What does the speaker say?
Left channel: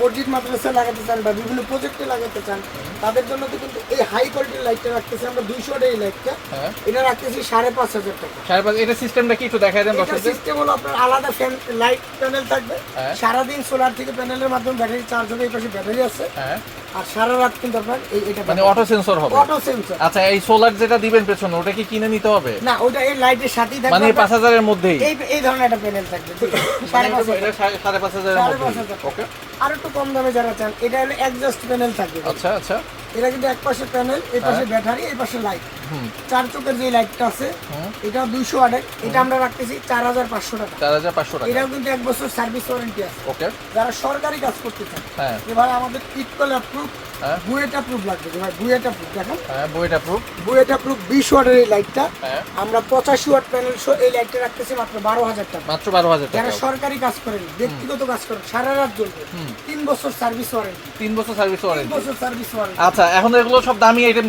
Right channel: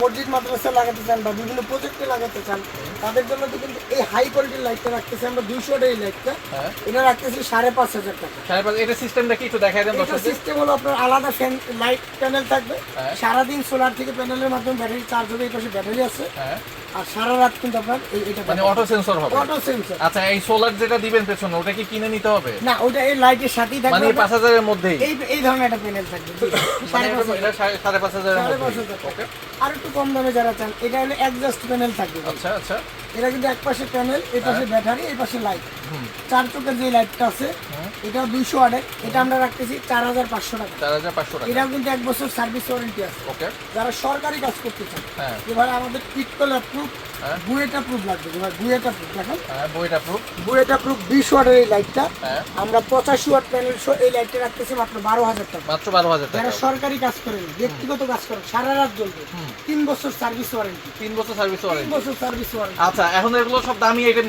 মসজিদ মাদ্রাসা লাগাতে চান বা বিভিন্ন প্রজেক্টে লাগাতে চান, তাদের জন্য তো কিন্তু এই হাই কোয়ালিটির লাইটটা রাখতেছি আমরা 200 ওয়াটের এই লাইটটা, এটা রাখতেছি 5,500 টাকা। 5,500 এটা সিস্টেমটা কি একটু দেখাই দেন এটা দর্শকদের। সিস্টেম হলো আপনার আলাদা ফ্যান লাইট প্যানেল থাকবে, সারাদিন সোলার থেকে প্যানেলের মাধ্যমে ব্যাটারি চার্জ হবে, এই পাশে ব্যাটারি আছে, আর সারা রাত কিন্তু আপনার এটা মানে অটো সেন্সর হবে। Auto sensor. আচ্ছা, এই সোলার যেটা দিবেন পেছনে ওটা কি কিনে নিতে হবে? না, ওটা এই লাইটের সাথেই থাকবে, মানে 5,000 এর মধ্যেই এই ধরনের একটা প্যানেল থাকবে, মানে এটা 5,500 এর মধ্যে। ওকে, আর একটু কম দামে যারা চান, এটা হলো এক্সজস্ট প্যানেল থাকবে। আচ্ছা আচ্ছা, এটা কিন্তু এক পাশে প্যানেল, এই পাশে ব্যাটারি, এই পাশে লাইট, 4 চোখের যে লাইটটা আছে এটা 200 ওয়াটের, এটা আমরা রাখতেছি 4,500 টাকা। 4,500 টাকা। এটাও কিন্তু 1 বছর সার্ভিস ওয়ারেন্টি আছে। ওকে, যারা সরকারি কাজ করতে চান, হ্যাঁ এবার আমাদের ইকুয়াল প্রুফ, বুয়েটা প্রুফ লাগবে ভাই, বুয়েটা প্রুফ দেখেন, হ্যাঁ বইটা প্রুফ। বুয়েটা প্রুফ 20 ওয়াটের এই লাইটটা আমরা 85 ওয়াট প্যানেল সহ এই লাইটটা রাখতেছি মাত্র 12,000 টাকা। মাত্র 12,000 টাকা। যারা সরকারি কাজ করেন, ব্যক্তিগত কাজ করেন, সারা রাত জ্বলবে, 3 বছর সার্ভিস ওয়ারেন্টি, 3 বছর সার্ভিস 3 ওয়ারেন্টি। বছর সার্ভিস ওয়ারেন্টি। আচ্ছা, এখন এগুলো সব দামি আইটেম